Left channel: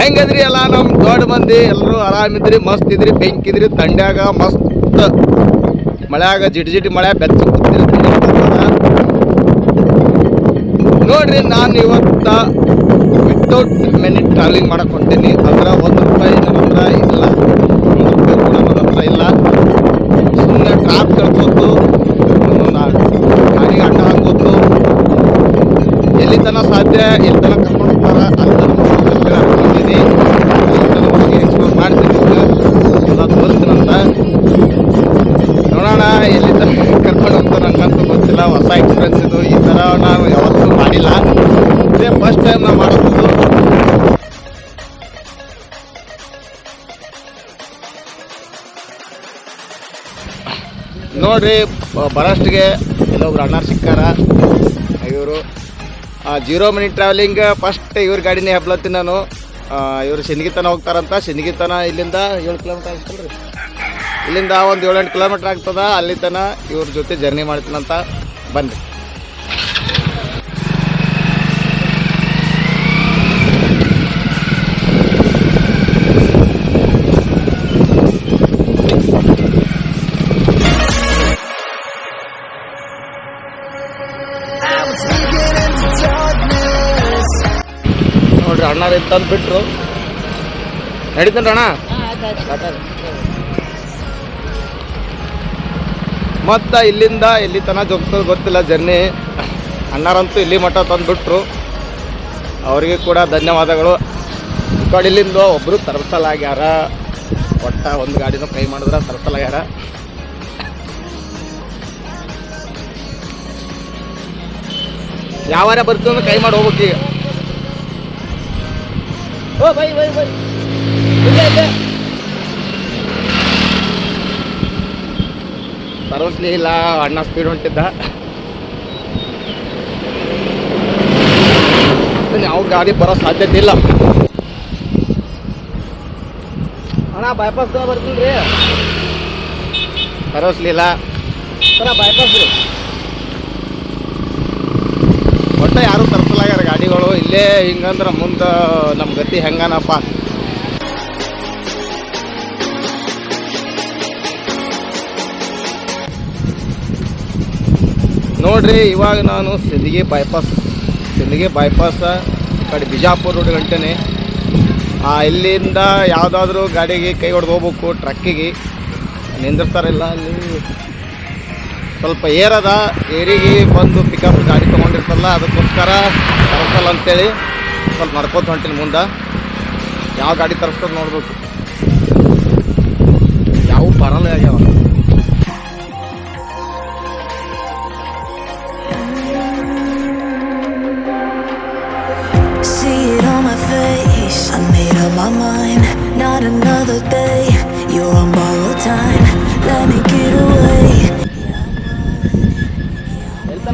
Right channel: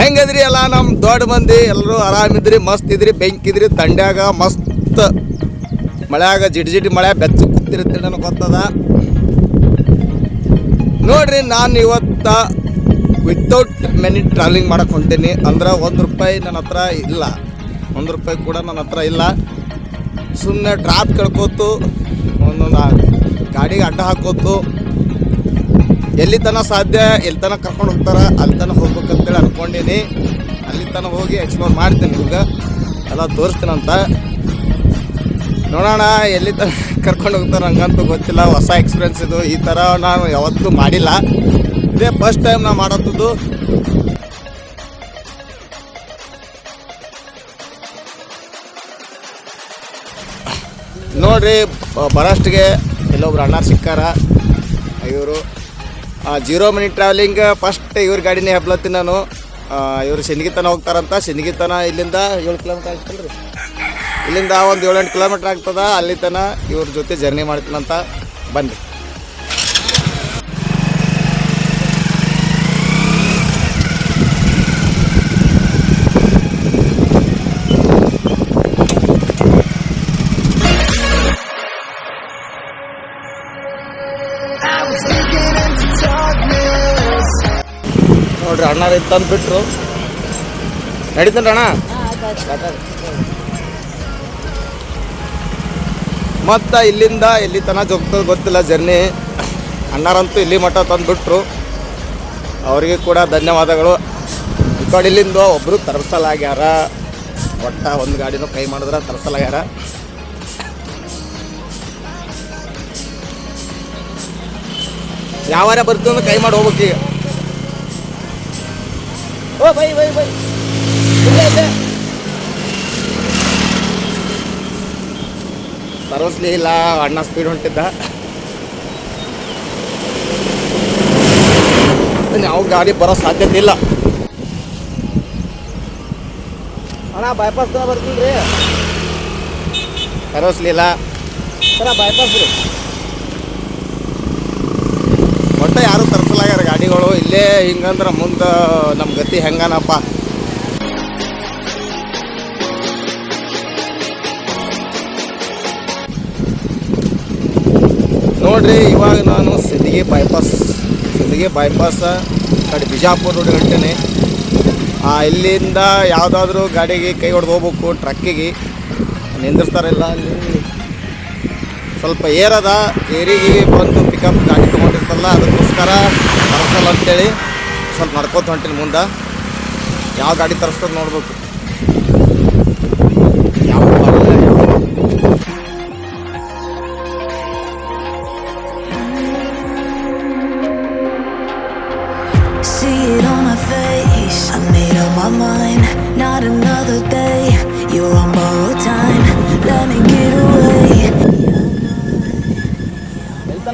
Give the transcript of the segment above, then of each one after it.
ಹೆಂಗದ್ರಿ ಎಲ್ಲ ನಮ್ಮ ದೊಡ್ಡ ಮಂದಿ ಎಲ್ಲರೂ ಆರಾಮಿದ್ರಿ ಮಸ್ತ್ ಇದ್ರಿ ಬೆಂಕಿದ್ರಿ ತಂಡ್ಯಾಗ ಮಸ್ತ್ ಮಳೆಯಾಗ ಜಿಟಿ ಜಿಟಿ ಮಳೆ ಬೆಚ್ಚ ನೋಡ್ರಿ ನಾನು ಇವತ್ತ ವಿತೌಟ್ ಮೆನಿ ಟ್ರಾವೆಲಿಂಗ್ ಮಾಡಕ್ಕೆ ಹೊಂಟೀನಿ. ಅಂದ್ರೆ ಒಂದು ರೂಪಾಯಿ ನನ್ನ ಹತ್ರ ಇಲ್ಲ. ಒಂದು ರೂಪಾಯಿ ಕೂಡ ನನ್ನ ಹತ್ರ ಇಲ್ಲ. ಸುಮ್ಮನೆ ಟ್ರಾಪ್ ಕಳ್ಕೊತು ಗಾಡಿಗೆ ಅಡ್ಡ ಹಾಕೋತು ಎಲ್ಲಿ ತನಕ ಸಾಧ್ಯ, ಎಲ್ಲಿ ತನಕ ಕರ್ಕೊಂಡು ಹೋಗ್ತಾರೆ, ಅಲ್ಲಿ ತನಕ ಹೋಗ್ಬೇಕು ಅಂತೇಳಿ ಅನ್ಕೊಂಡಿನಿ ಅಲ್ಲಿ ತನಕ ಹೋಗಿ ಎಕ್ಸ್ಪ್ಲೋರ್ ಮಾಡ್ತೀನಿ ನಿಮ್ಗೆ ಎಲ್ಲ ತೋರಿಸ್ತೀನಂತ ನೋಡೋಣ, ಎಲ್ಲಿ ತನಕ ಕರ್ಕೊಂಡು ಹೋಗ್ತಾರೆ ಹಂಗಂತೂ ಗೊತ್ತಿಲ್ಲ. ಹೊಸ ಎಕ್ಸ್ಪೀರಿಯನ್ಸ್ ಇದು. ಈ ಥರ ನಾನು ಯಾವತ್ತೂ ಮಾಡಿಲ್ಲ. ಇದೇ ಫಸ್ಟ್ ಟೈಮ್ ನಾವು ಮಾಡೋದು. ನೋಡ್ರಿ ಬರಷ್ಟಿಗೆ ಬರೋಷ್ಟಿಗೆ ಎಲ್ಲೊಬ್ರು ಅಣ್ಣ ಸಿಕ್ಕಾರ. ಇವರು ಜೀರೋ ಮಿನಿಟ್ ಟ್ರಾವೆಲಿಂಗ್ ಫಸ್ಟ್ ಇವ್ರ ಗಾಡಿನೇ ಹೆಬ್ಲತ್ತೀನಿ ನಾನು. ಇವರು ಸಿಂದಗಿ ಹೋಗ್ತಾರಂತ. ಸಿನಿಗಿತನ ಇಲ್ಲಿಂದ ಏಳು ಕಿಲೋಮೀಟರ್ ಆಗ್ತಲ್ಲ ರೀ ಇಲ್ಲಿಂದ ಒಂದು ಏಳೆಂಟು ಕಿಲೋಮೀಟ್ರ್ ಆಗ್ತದ, ಅಲ್ಲಿ ತನ ಇವ್ರ ಜೊತೆ ಜರ್ನಿ ಮಾಡ್ತೀನಂತ ಬನ್ನಿ ನೋಡ್ರಿ ಅಣ್ಣ ತಂದು ಬಿಟ್ರು. ನಡೀತೇನೆ ಅಣ್ಣ? ಮತ್ತು ಇಲ್ಲಿಂದ ಎಲ್ಲಿ ತನಕ ಹೋಗ್ತದೆ ಗೊತ್ತಿಲ್ಲ ಜರ್ನಿ. ಅಣ್ಣಾರಂತೂ ಇಲ್ಲಿ ಮಟ್ಟ ತಂದುಬಿಟ್ರು ಅವರಿಗೆ ಕೂಡ ಧನ್ಯವಾದಗಳು. ಈ ಕಡೆ ಇಲ್ಲಿಂದ ಒಬ್ಬರು ತರಿಸಲಾಗ್ಯಾರ. ಒಟ್ಟ ಒಂದು ಗಾಡಿನೂ ಕೈ ಮಾಡಿದ್ರೆ ತರಿಸಲಾಗ್ಯಾರ. ಯಾವಾರ ಬರ್ತೀವಿ ಕೈ ಮಾಡಿ ಹೋಗ್ಬೇಕು ಈಗ. ಓ ಬೈ ಬೈ ಬೈ ಇಲ್ಲೇ ಇಲ್ಲೇ ತರಸ್ಲಿ ಇಲ್ಲ ಅಣ್ಣ ಸ್ಪೀಡ್ ಹೊಂಟಿದ್ದ ಯಾವ ಗಾಡಿ ಬರೋ ಸಾಧ್ಯತೆ ಇಲ್ಲ ಅಣ್ಣ ಬೈಪಾಸ್ ಬರ್ತೀನಿ ರೀ ತರಸ್ಲಿಲ್ಲ ಸರ ಬೈಪಾಸ್ ರೀ ಒಟ್ಟ ಯಾರು ತರಿಸಲಾಗ್ಯಾರ ಗಾಡಿಗಳು? ಇಲ್ಲೇ ಹಿಂಗಂದ್ರೆ ಮುಂದೆ ನಮ್ಮ ಗತಿ ಹೆಂಗನಪ್ಪ? ನೋಡ್ರಿ, ಇವಾಗ ನಾನು ಸಿಂದಗಿ ಬೈಪಾಸ್ ಸಿಂದಗಿ ಬೈಪಾಸ್ ಕಡೆ ಬಿಜಾಪುರ ರೋಡ್ ಹೊಂಟೇನೆ ಇಲ್ಲಿಂದ ಯಾವುದಾದ್ರೂ ಗಾಡಿಗೆ ಕೈ ಹೊಡೆದು ಹೋಗ್ಬೇಕು ಟ್ರಕ್ಕಿಗೆ ನಿಂದಿರ್ತಾರಲ್ಲ ಅಲ್ಲಿ? ಸ್ವಲ್ಪ ಏರದ ಏರಿಗೆ ಬಂದು ಪಿಕಪ್ ಗಾಡಿ ತೊಗೊಂಡಿರ್ತಲ್ಲ, ಅದಕ್ಕೋಸ್ಕರ ತರಿಸಲ್ಲ ಅಂತೇಳಿ ಸ್ವಲ್ಪ ನಡ್ಕೋತ ಹೊಂಟಿನ ಮುಂದೆ ಯಾವ ಗಾಡಿ ತರಿಸ್ತದ ನೋಡ್ಬೇಕು ಯಾವ ಬರಲ್ಲ, ಯಾವ. Not another day. You're on borrowed time. Let me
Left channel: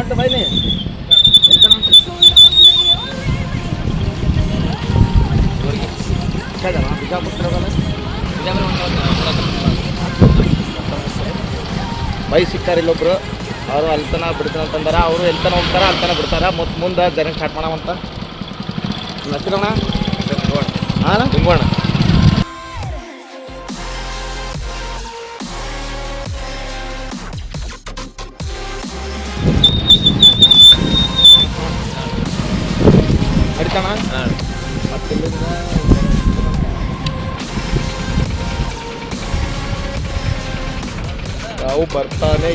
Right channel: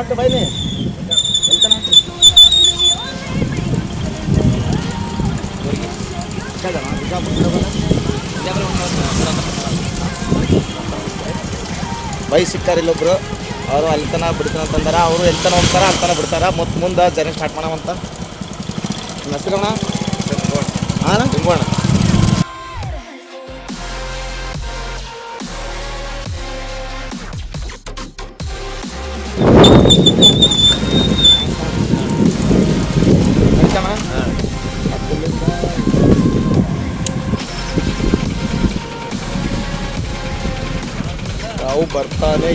ಎಲ್ತ ನಾಟು ಬೈನಿ ಎಲ್ತ ನಾಟು ಬೈ ಸಿಕ್ಕಾರ ಇಲ್ಲೊಬ್ರು ಅವರು ಅಲ್ತನ ಬಿಡ್ತಾನ ಅಂತಂದಾರ ಅವರು ಎಲ್ತನ ಹೋಗ್ತಾರ ಅಲ್ತನ ಬಿಡ್ತಾರ. ಮತ್ತು ಮುಂದೆ ಜನ ಸ್ಟಾರ್ಟ್ ಮಾಡವಂತ ಅಂತ ಹೆಸರಣ್ಣ ಹಾಂ ಹಿಂಗೋಣ ಬರ್ತೀನಿ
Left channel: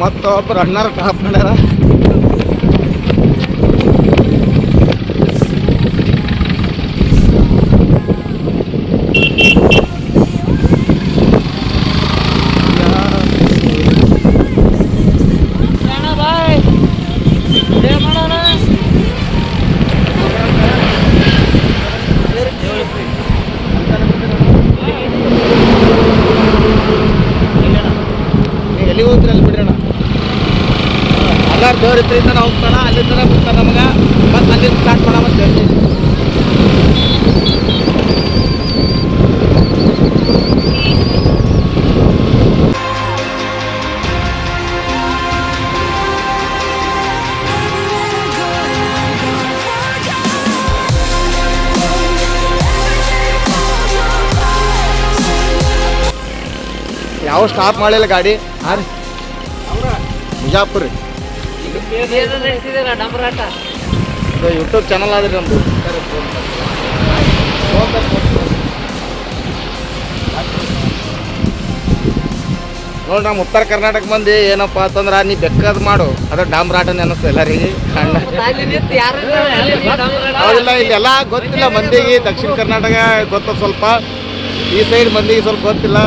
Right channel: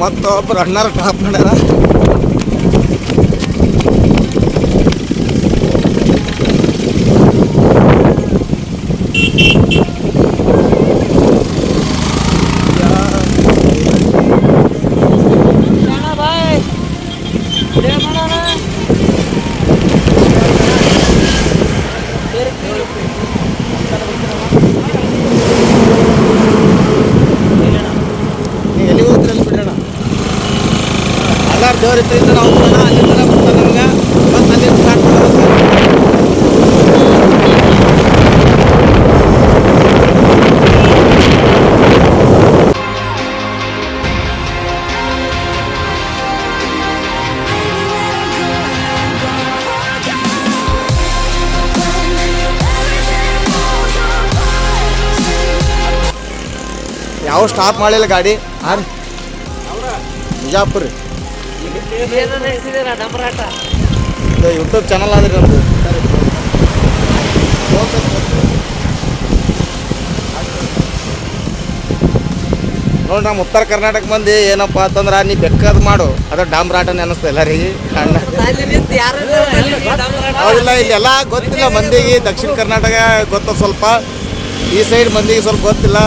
ಮತ್ತೊಬ್ಬರು ಅಣ್ಣಾರ ಟಾಪ್ ಮಾಡ್ಯಾರ ದೇವ್ರ ದೇವ್ರ ಇತ್ತ ನಾವು ಹೋಗ್ತಾನ ಅಲ್ಲಿಂದ ಮತ್ತೆ ನಮ್ಗೆ. ಮತ್ತೆ ಅಲ್ಲಿಂದ ಸ್ಟಾರ್ಟ್ ಮಾಡಬೇಕು. ಯಾವ ಸ್ಟಾಪ್ ಮಾಡಿಲ್ಲ ಗಾಡಿ? ಹಾಂ ಬಿಜಾಪುರ. ರೀ ಯೂಟ್ಯೂಬ್ ಚಾನಲ್ ಆದ್ರೆ ಒಂದು ನೋಡಿ ನಮ್ಮ ಉತ್ತರ ಕರ್ನಾಟಕ ಮಂದಿ ಏನಪ್ಪ ಅಂತಂದ್ರೆ ನೀ ಬೆಕ್ಕದ್ ಮಾಡು. ಅದು ಡಾಮ್ರಾಟನೇ ಅನ್ನಿಸ್ತು ಎಲ್ಲರಿಗೆ. ಹೌದಿಲ್ಲ ಇಲ್ಲೆಲ್ಲ ಗೊತ್ತಿಲ್ಲ ಮಂದಿಗೆ. ದಕ್ಷಿಣ ಕರ್ನಾಟಕ ಗೊತ್ತ ಸ್ವಲ್ಪ. ಈ ಸೈಡ್ ಮಂದಿಗೆ ಸ್ವಲ್ಪ ಗೊತ್ತಿಲ್ಲ.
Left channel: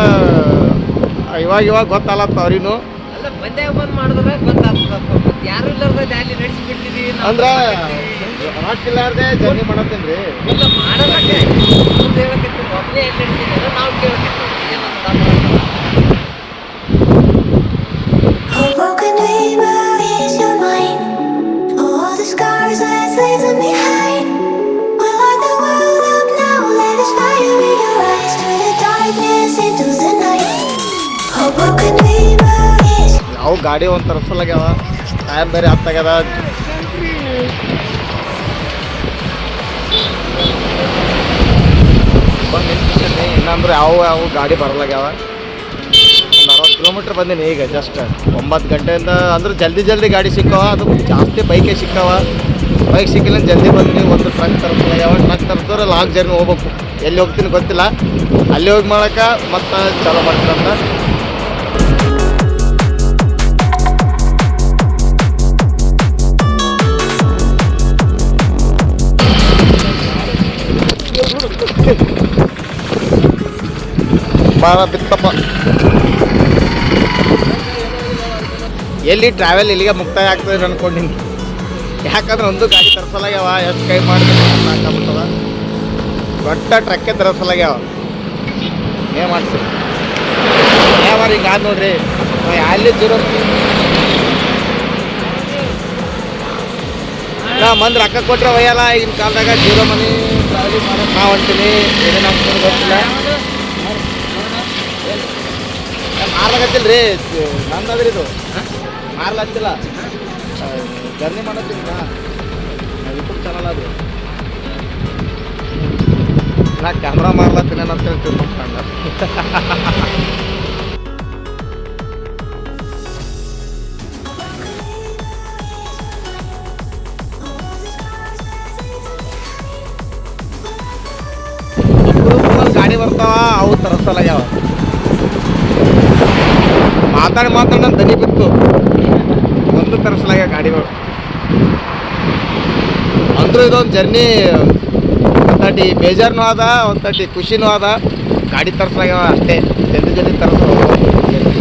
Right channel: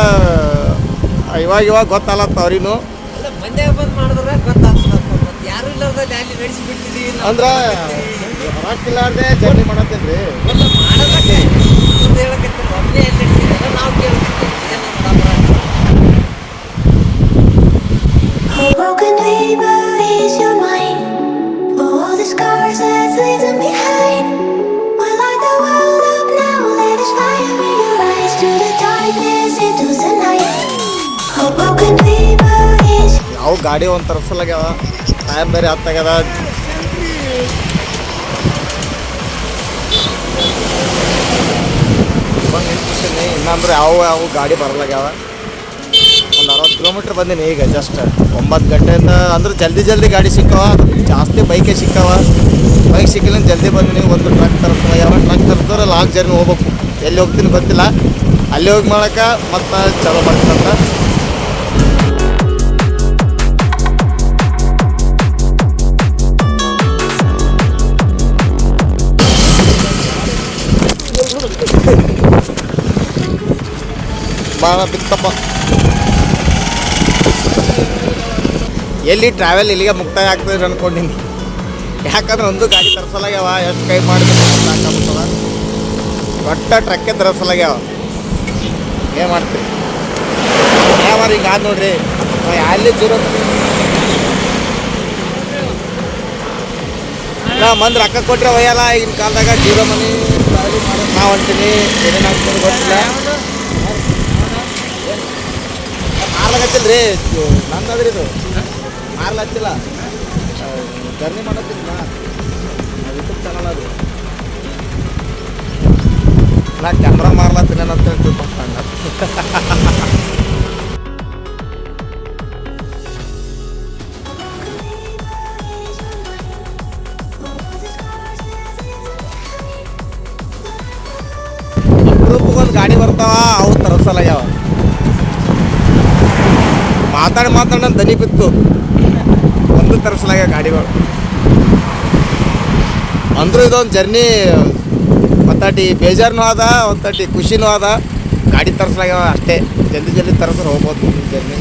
ಇವಾಗ ಇವಾಗ ಗೊತ್ತಲ್ಲತ್ತ ಅವ್ರಿಗೂ. ಅಲ್ಲ ಬಂದೆ ಬಂದ ಮಾಡಿದ್ರೆ ಗೊತ್ತಾತಪ್ಪ ಯಾರು ಎಲ್ಲರೂ ಜನ್ನಿ ನೆಡಿಸಿ ಬಿಡ್ತಿದೀವಿ ಅಂದ್ರೆ ಬರಕಿಲ್ಲಾರದೆ ಜನ್ನಿ ಮಾಡತ ិន ್ರಿ ಅಲ್ಲ ಮಾಡಲ್ಲಕ್ಕೆ. ಅಂತ ಹೇಳಕ್ಕೆ ಮೊದಲು ಹೆಳ್ತಿದೀನಿ ನಾವು ಕೇಳ್ತೀನಿ ಏನು ಆ ಪರಂತ ಓಪನ್ ದಿ ಯಾವ ಗಾಡಿ ಒಂದು ತರಿಸಲಾಗ್ಯದ ಟೈಮ್ ಬೇರೆ ಹತ್ತಾಗ್ಯದ ಬಂದು ನಿಂತಿಸ್ತೀನಿ ಇನ್ನಂದ್ರೆ ಯಾವ ಯಾವ ಗಾಡಿ ಬರಲಾಗ್ಯಾವ ಒಂದು ಅರವತ್ತು ಕಿಲೋಮೀಟ್ರ್ ಬಂದೀನಿ ಈಗ ಜಸ್ಟ್ ಒಂಬತ್ತು ಗಂಟೆಯಿಂದ ಅಂದ್ರೆ ಜಲ್ದಿ ಜಲ್ದಿ ಗಾಡಿ ಸಿಕ್ಕವ. ಅದು ಜಾಸ್ತಿ ಬೈಕೇ ಸಿಕ್ಕವ. ಬೈಕ್ ಸಿಕ್ಕಿಲ್ಲ ಜಲ್ದಿ ಬಂದೀನಿ. ಒಂದು ಟ್ರಕ್ ತರಿಸಲಾಗ್ಯಾವ ಟ್ರಕ್ ತರಿಸಿದ್ರೆ ಲಾಂಗ್ ಜರ್ನಿ ಹೋಗ್ಬೇಕು. ಎಲ್ಲಿ ಹೋಗ್ತೀನಿ ಗೊತ್ತಿಲ್ಲ. ಅಲ್ಲಿ ಹೋಗಿ ಮಾಡಕ್ಕೆ ಮತ್ತೆ ಚಾಲೂ ಮಾಡ್ತೀನಂತ. ಭಾಳ ಬಿತ್ತಪ್ಪ. ಎಲ್ಲಿ ಟ್ರಾವೆಲ್ ಇಲ್ಲಿಗೆ ಮುಕ್ತಾಯ ಆಗ್ತದೆ ಅನ್ಕೊಂಡಿನಿ. ಯಾಕಂದ್ರೆ ಒಂದು ಗಾಡಿ ತರಿಸಲಾಗ್ಯಾವ, ಎಷ್ಟು ಕೈ ಮಾಡಿದ್ರೆ ದೊಡ್ಡ ಟ್ರಕ್ಕೇ ತರಿಸಲಾಗ್ಯಾವ. ಏನು ಮಾಡ್ತೀವಿ ಯಾವ ಈಗ ಆದ ನೋಡ್ರಿ? ಅಲ್ಲಿ ಜೀರೋ ನಾ ಮಂದ್ ರೊಕ್ಕ ಕೊಟ್ಟರೆ ಒಯ್ಯಲ್ಲ, ಈಗಿನ ಕಾಲದಾಗ ಜೀರೋ ಮನಿ ಟ್ರಾವೆಲಿಂಗ್ ಮಾಡೋದು ನಾ ಹೊಂಟೀನಿ ಏನೇನು ಆಗ್ತದೆ ಗೊತ್ತಿಲ್ಲ. ಮಾರ್ಲಾಗತ್ತಿಲ್ಲ ರೀ ನಂದದ್ರಿ ಇದು. ಮಾರ್ಲಾಗ್ತಿಲ್ಲ ಜರ್ನಿ ಮಾಡತ್ತಿಲ್ಲ. ನಾ ಯೂಟ್ಯೂಬ್ ಚಾನಲ್ ಅದು. ನಾ ಕ್ಯಾಮ್ರಾ ಮಾರ್ಲತ್ತೀನಿ ಅಂತ ಹೇಳ್ತೀವಿ ಅಣ್ಣ ಒಂದು ಗಾಡಿ ಬರ್ತಾವ, ಅವು ತರಿಸಲಾಗ್ಯಾವ ಮಾತಾಡಿ ಮಾತಾಡಿ ನನ್ನ ದನಿ ಬಿತ್ತು. ಒಂದು ತರಿಸಲಾಗ ಗಾಡಿಗಳು. ಅಂದರೂ ಇದೊಂದು ಜರ್ನಿ ಒಂದಟಿ ಬೇಜಾರ್ನೂ ಅದ ಒಂದಟಿ ಖುಷಿನೂ ಅದ ಗಾಡಿ ತರಿಸಲಾಗ್ಯಾವ ಅಷ್ಟೇ. ಜಲ್ದಿ ಜಲ್ದಿ ತರಿಸ್ರೆ ಹೋಗ್ಬೋದು ಜರ್ನಿ.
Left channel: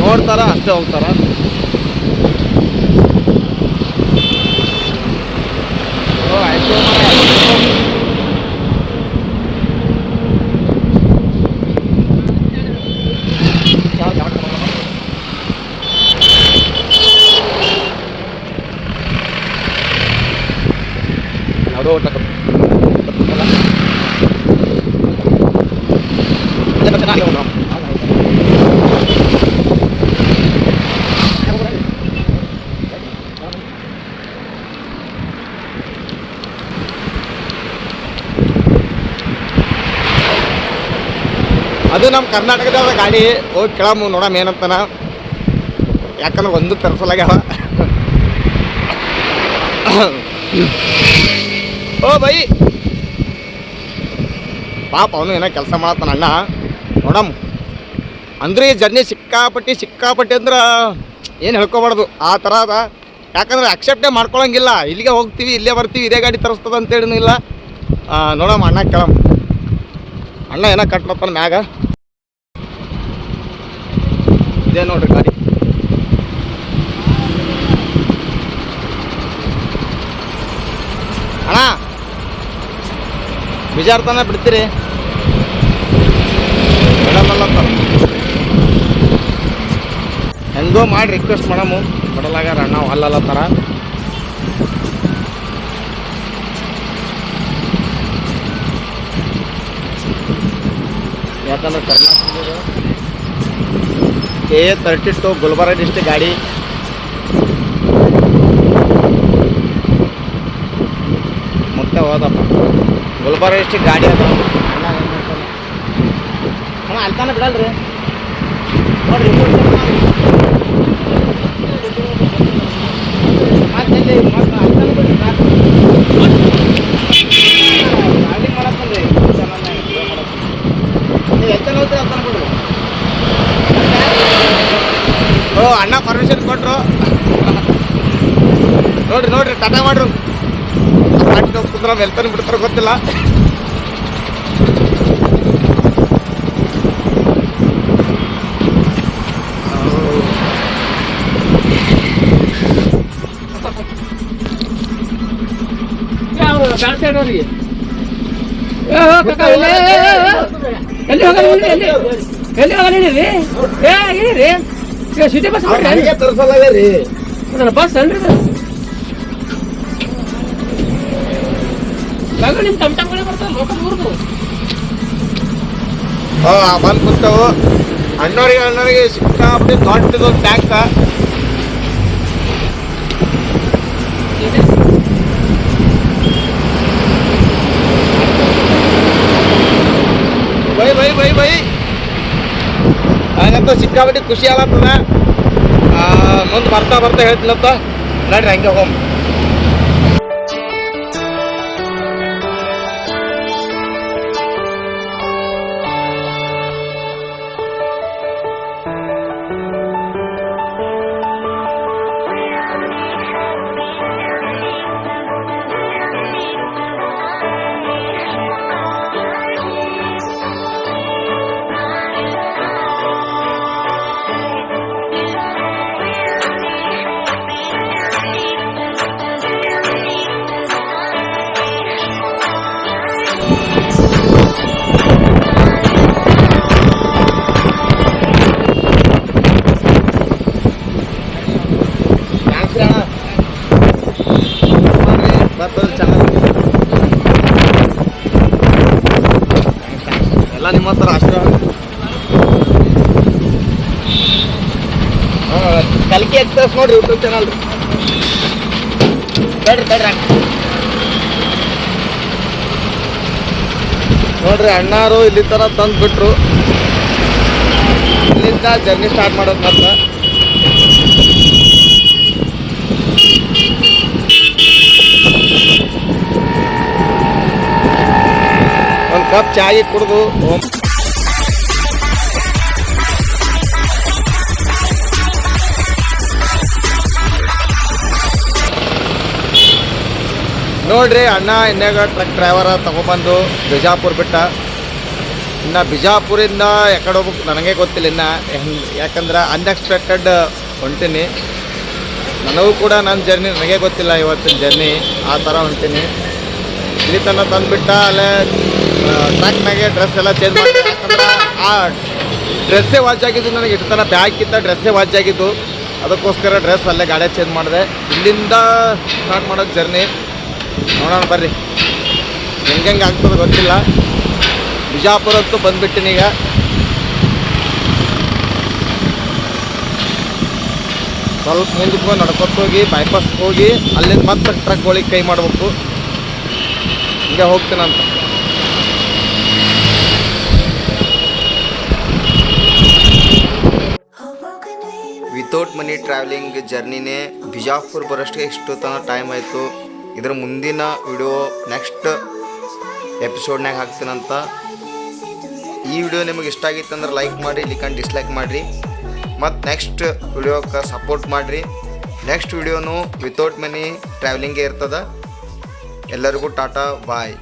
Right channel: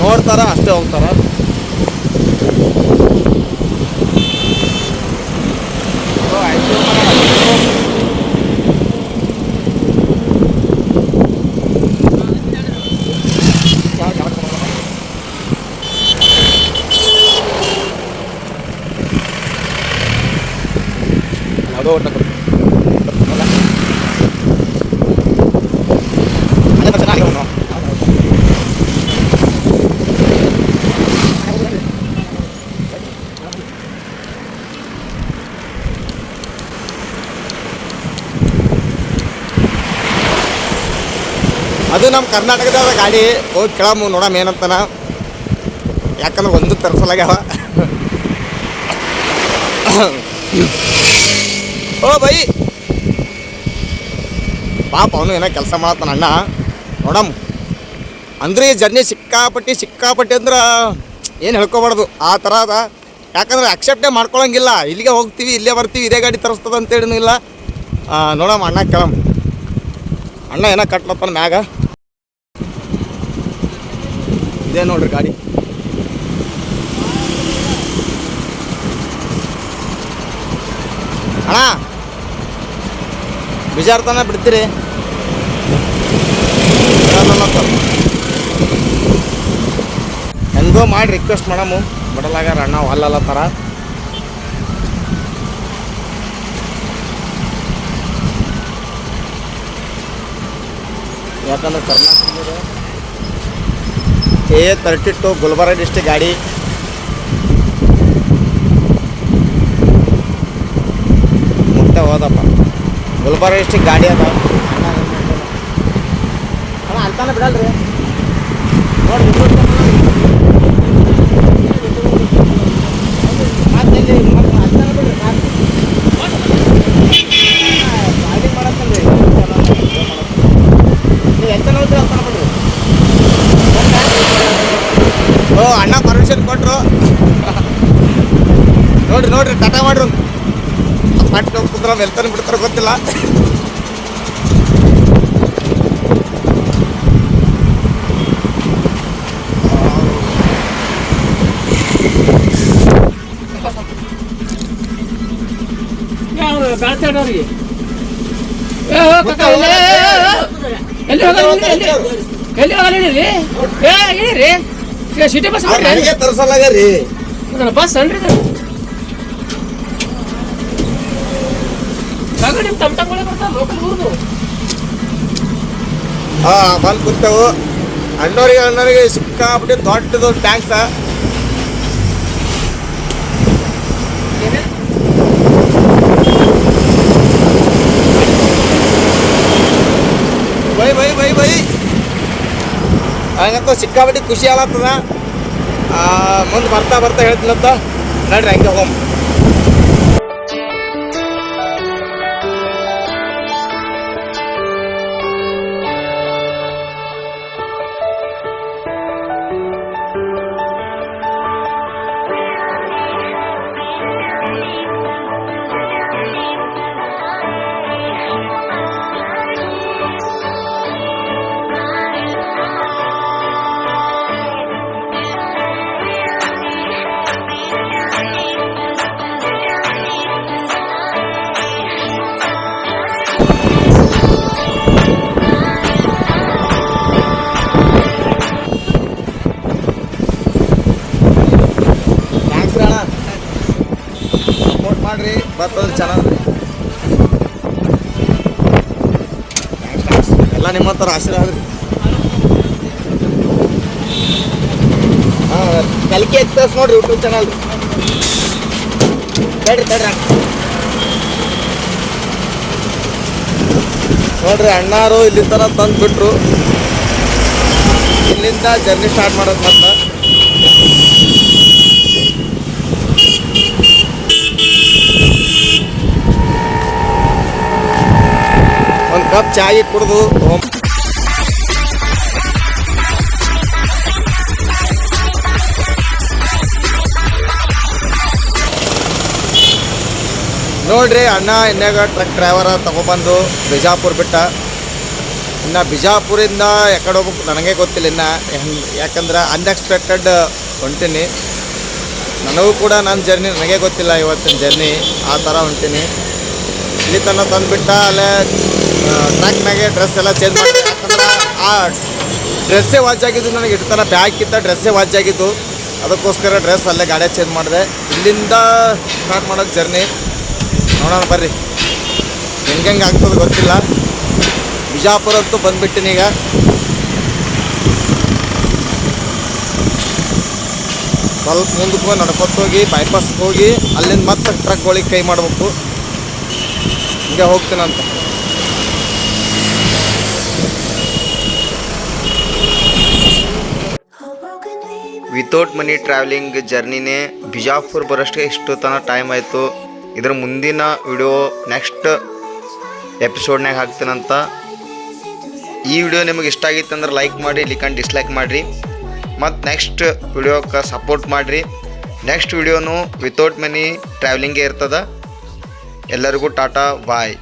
ನೋಡ್ತಾರ, ಅಷ್ಟೇ ಹೋಗ್ತಾರ. ಆಯ್ತು ಮರ. ಯಾವುದೋ ಒಟ್ಟು ಅಲ್ಲೇ ಬಸ್ ಚೆನ್ನಾಗಿ ಹೋಗೋಣ ಅದು ನಮ್ಮ ಕರ್ನಾಟಕದ ಗಾಡಿ ಹೋಗಿ ಕೇಳಮ್ಮ, ನೋಡಮ್ಮ ಏನಂತಾನ. ಯಾಕಂದ್ರೆ ಒಂದು ತರಿಸಲಾಗ್ಯಾವ. ಓ ಬೈ ಪಾಪ ಅವನು ಏನೋ ಕೆಲಸ ಮಾಡತ್ತಾನ ಅಣ್ಣ. ನೋಡಮ್ಮ. ಅಂದ್ರೆ ಈ ಜರ್ನಿ ಸಿಕ್ಕಾಪಟ್ಟಿ ಸಿಕ್ಕಾಪಟ್ಟಿ ಅಂದ್ರೆ ಏನು ಹೇಳ್ಕೊಬಾರ್ದು. ಆ ಥರ ಅದ. ಯಾಕಂದ್ರೆ ಅಕ್ಸೆಪ್ಟೇ ಮಾಡ್ಕೊಳಂಗಿಲ್ಲ. ಇಲ್ಲಿಗೆ ಹೋಗ್ತೀವಿ, ಇಲ್ಲೇ ಬರ್ತೀವಿ, ಇದೇ ಗಾಡಿ ತರಿಸ್ತದ ಅಂತೇಳಿನೂ ಇಲ್ಲ. ನೋಡಮ್ಮ ಅಣ್ಣ ಕೇಳಮ್ಮ. ಅಣ್ಣ ಏನೋ ಕಟ್ಲತ್ತಾನ ಮ್ಯಾಗ. ಇದೇ ನೋಡ್ರಿ ಗಾಡಿ. ಅಣ್ಣ. ಬಿಜಾರ್ತನ ಬಿಡ್ತೀರಿ. ಬಿಡಲ್ಲ ಹೆಂಗ ಮಾಡಿ ರಿಕ್ವೆಸ್ಟ್ ಮಾಡಮು ಬಡಲಾಗಾರ ಅಣ್ಣ, ಅಲ್ಲಲ್ಲ ಥರ ಯಾಕಂದ್ರೆ ಕರ್ನಾಟಕದ K A thirty two Gulbarga district ಗಾಡಿ. ಮುಂದೆ ಹೋದಪ್ಪ. ಗುಲ್ಬರ್ಗ ಡಿಸ್ಟಿಕ್ ಗಾಡಿ ಅದ. ಅಣ್ಣ? ಅಣ್ಣ ಅಲ್ತಾನೆ ಬಿಡಲ್ರಿ? ನೋಡ್ರಿ ಮತ್ತೆ ಮತ್ತೆ ಅಲ್ತಾನೆ ಬಿಡ್ರಿ ಮತ್ತೆ. ಗಾಡಿ ಮಾಡತ್ತಲ್ರಿ ನೀವು ಎತ್ತನ ಹೋಗ್ತೀರಿ ಅಲ್ತಾನೆ ಬಿಡ್ರಿ. ಓ ಅಣ್ಣ ಪರ್ಮಿಷನ್ ಕೊಟ್ರು. ನೋಡ್ರಿ ನೋಡ್ರಿ ಟಾಟಾ ಮಾಡ್ರು. ಕಾಟ್ ಕುಂದ್ರ ಎಲ್ತಾನೆ ಬಿಡ್ತಾರೆ ಗೊತ್ತಿಲ್ಲ. ಎಲ್ಲಿ ಹೋಗಲ್ಲ ಎಲ್ಲಿ ಎಲ್ಲಿ ಹೋಗಲ್ಲ ಇಳಿರಿ ಏ ಸಿಟಿ ಬಸ್ ತರ್ಸಲ್ಲ ಬಸ್ ಅನ್ರಿ ಹಾ, ಬಂದು ಕೂತವು. ಅಣ್ಣವ್ರಿಗೆ ಅಣ್ಣವ್ರಿಗೆ ಸಿಕ್ಕಾಬಿಟ್ಟು ದೊಡ್ಡದು tax bye bye bye bye. ಹಂಗಂತ ಸಿಕ್ಕಾಬಿಟ್ಟು ಖುಷಿ ಆಗತ್ತದ ಮುಂದೆ ಬರ್ತಾ ಬರ್ತಾ ಹೇಳ್ತೀನಂತ. ನಡ್ರಿ, ಹಂಗೆ ಹೋಮ್ ಎಲ್ಲ ನಿಮ್ಮ ಹತ್ರ ಆಶೀರ್ವಾದ ಕಲಿಕೆ ಎಕ್ಸ್ಪ್ರೆಸ್ ನೋಡ್ರಿ ಯೂಟ್ಯೂಬ್ ಚಾನಲ್ ತಡ್ರಿ ತಡ್ರಿ ನೋಡ್ರಿ, ಅಣ್ಣಾರು ಇಲ್ಲಿ ಥರ ತಂದು ಬಿಟ್ರು ಇಲ್ಲಿಂದ ಜರ್ನಿ ಸ್ಟಾರ್ಟ್ ಮಾಡೋದು ಮಾತ್ರ. ಒಂದು ಕಪ್ ಚಾಯಿ ಕುಡಿದು ನೋಡ್ರಿ ಅಣ್ಣ ಇನ್ಯಾಗ ಟ್ರಕ್ ಡ್ರೈವರ ತಗೊಬಂದು ಬಿಜಾಪುರ್ ಬಿಟ್ಟ. ಇನ್ನ ಬಿಜಾಪುರಿಂದ ಎಕಡೆ ಹೋಗ್ಬೇಕು ನನಗೆ ಗೊತ್ತಿಲ್ಲ ಇನ್ನು. ಯಾಕಂದ್ರೆ ಅನ್ಎಕ್ಸ್ಪೆಕ್ಟೆಡ್ ಹೊಂಟೀನಿ. ನನಗೂ ಕೂಡ ನನ್ನ ಜರ್ನಿ ನನಗೆ ಗೊತ್ತಿಲ್ಲ ಇವತ್ತಿನ ಜರ್ನಿ ಆ ಥರ ಹೊಂಟೀನಿ. ಇಲ್ಲಿ ತನಕ ತಂದುಬಿಟ್ಟ ಅಲ್ಲೇ ಟ್ರ್ಯಾಕ್ನಾಗೆ ಡ್ರೆಸ್ ಎಲ್ಲ ಚೇಂಜ್ ಮಾಡಿದೆ ಯಾಕಂದ್ರೆ ಆ ಡ್ರೆಸ್ಸೇ ವಾಚ್ ಆಗಿದ್ದು ನನಗೆ ಇಟ್ಟು ತನಕ ಬ್ಯಾಗ್ ಕಿತ್ತ ಡ್ರೆಸ್ಸೇ ವಾಚ್ ಆಗಿದ್ದು. ಅದಕ್ಕೋಸ್ಕರ ಡ್ರೆಸ್ ಅಲ್ಲೇ ಗಾಡಿ ಚೇಂಜ್ ಮಾಡಿದೆ. ಇಲ್ಲಿಂದ ಸ್ಟಾರ್ಟ್ ಮಾಡೋದು ಜರ್ನಿ ನೋಡೋಣ, ಬರ್ರಿ. ಹೆಂಗೆ ಹೆಂಗೆ ಆಗ್ತದೆ ಗೊತ್ತಿಲ್ಲ. ಬಿಜಾಪುರ ಅಂತೂ ಬಂದ್ಬಿಟ್ಟಿನಿ ಈಗ. ಸ್ವಲ್ಪ ಮುಂದಕ್ಕೆ ಹೋಗಿ ನಡ್ಕೊತ ಹೋಗಿ ಬೈಪಾಸ್ ಹೋಗಿ, ಅಲ್ಲಿಂದ ಮತ್ತೆ ಟ್ರಕ್ಗಳಿಗೆ ಕೈ ಮಾಡಬೇಕು. ಹಿಂಗೆ ಹೋಗ್ತೀನಂತ. ವಿತೌಟ್ ಮನಿ ಟ್ರಾವೆಲಿಂಗ್ ಜರ್ನಿನೇ ಬಿಜಾಪುರ್ ಬರೋಷ್ಟೇ ಇಷ್ಟು ತನಕ ಟೈಮ್ ಆಯಿತು. ಇದ್ರ ಮುಂದಿನ ವಿಡಿಯೋ ನೆಕ್ಸ್ಟ್ ಎಪಿಸೋಡ್ನಾಗ ಹಾಕ್ತೀನಂತ. ಈ ವಿಡಿಯೋ ನಿಮಗೆ ಇಷ್ಟ ಆಗಿತ್ತು ಅಂದ್ರೆ ಲೈಕ್ ಮಾಡಿ ಇಲ್ಲಿಕಂಡು ಡಿಸ್ಲೈಕ್ ಮಾಡಿರಿ. ಮತ್ತು ನೆಕ್ಸ್ಟ್ ವಿಡಿಯೋಕ್ಕೆ ಸಪೋರ್ಟ್ ಮಾಡಿರಿ. ನೆಕ್ಸ್ಟ್ ವಿಡಿಯೋನು ವಿತೌಟ್ ಮನಿ ಟ್ರಾವೆಲಿಂಗೇ ಇರ್ತದೆ. ಎಲ್ಲರಿಗೂ ಟಾಟಾ ಬಾಯ್